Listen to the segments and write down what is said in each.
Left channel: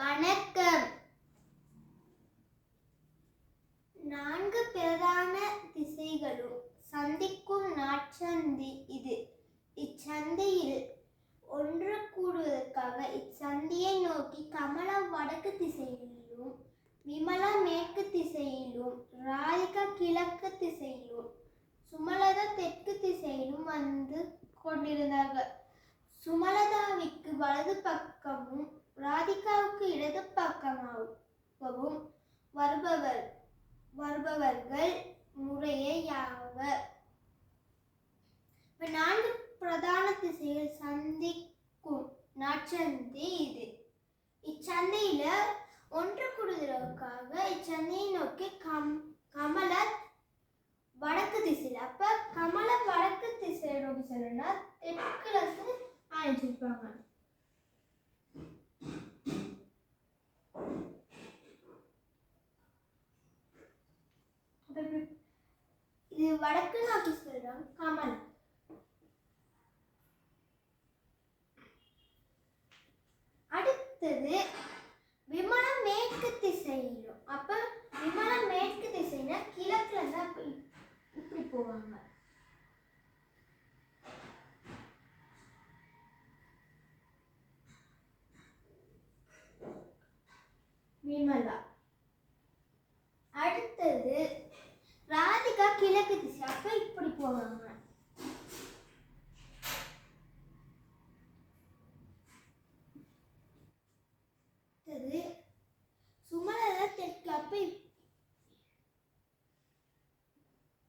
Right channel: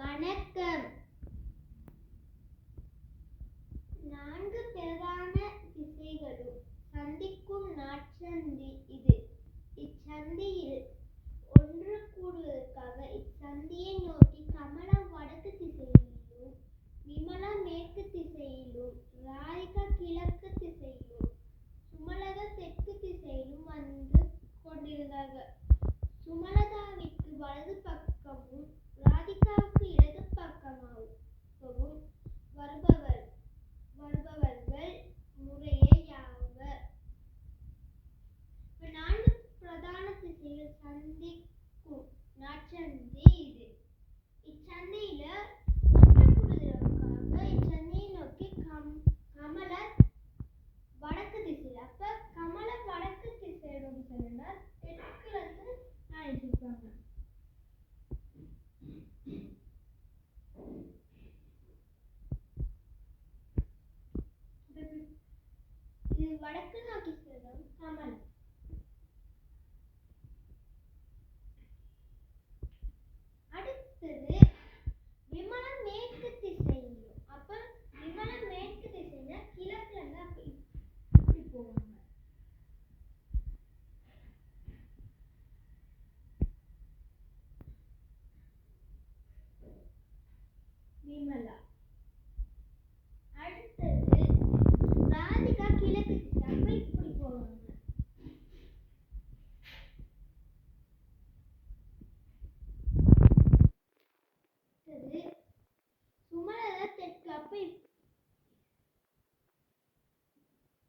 வணக்கம். 4 பிரதான திசைகளும் சந்திக்கும் நாட்சந்தி இது. இச்சந்தியில் ஒன்று கூடுவதற்காக இச்சந்தியை நோக்கி கமலம் வடக்கு திசையிலும், விமலா மேற்கு திசையிலும், ராதிகா கிழக்கு திசையிலும், சுமலதா தெற்கு திசையிலும் வந்து கொண்டிருந்தார்கள். சுமலதாவிற்கு வலது பக்கமும் ராதிகாவுக்கு இடது பக்கமாகவும் வருபவர்கள் முறையே யாவர். 4 பிரதான திசைகள் சந்திக்கும் நாட்சந்தி இது. இச்சந்தையில ஒன்று கூடுதலுக்காக இச்சந்தையை நோக்கி கமல வடக்கு திசையில், அப்ப கமல வடக்கு திசையை நோக்கி சொல்லணும்னா தெற்குல இருந்து ஆரம்பிச்சிருப்பாங்க. இது வடக்கு நோக்கி சொல்றோம் கமலம். அடுத்தது விமலா மேற்கு திசையிலும், அப்ப விமலா மேற்கு திசைனா கிழக்குல இருந்து இப்படி போவாங்க. விமலா. அடுத்தது ராதிகா கிழக்கு திசை, அப்ப இப்படி போவாங்க. அடுத்தது சுமலதா தெற்கு, அப்ப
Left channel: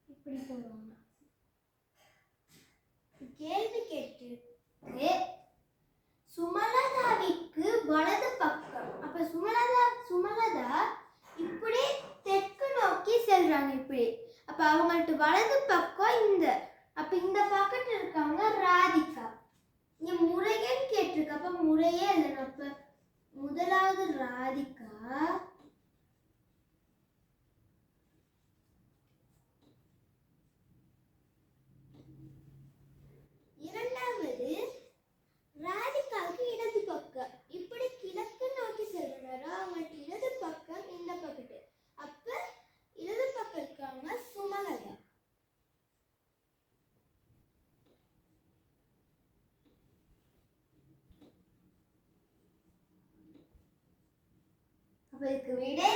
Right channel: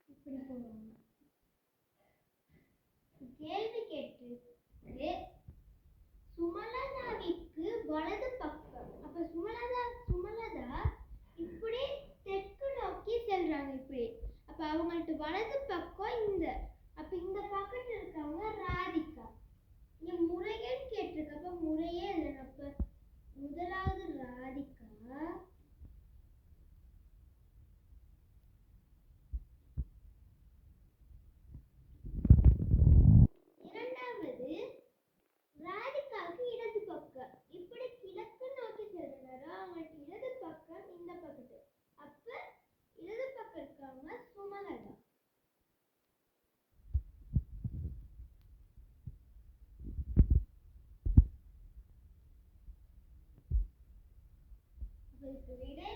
இப்படி போவாங்க. கேள்வி கேட்டிருக்கு சுமலதாவிற்கு வலது பக்கம், அப்ப சுமலதா இப்படி தெற்கு நோக்கி செல்றாங்க இப்படி. அப்ப அவங்கள்ட்ட வலது பக்கம் இந்த, அப்ப இந்த பக்கத்துல இருக்கவங்க ராதிகா. இங்க முறையேன்னு கேட்டிருக்கு, அப்ப முறையே இல்லைன்னு. அப்ப முதலாவது ராதிகா, இரண்டாவது ராதிகாவுக்கு இடது பக்கம் இப்படி கிழக்கு நோக்கி செல்றாரு. அவங்களுக்கு இடது பக்கம் இந்த பக்கத்து, அப்ப இடது பக்கம் இருக்காங்க சுமலதா. அப்ப இதுக்கு விடை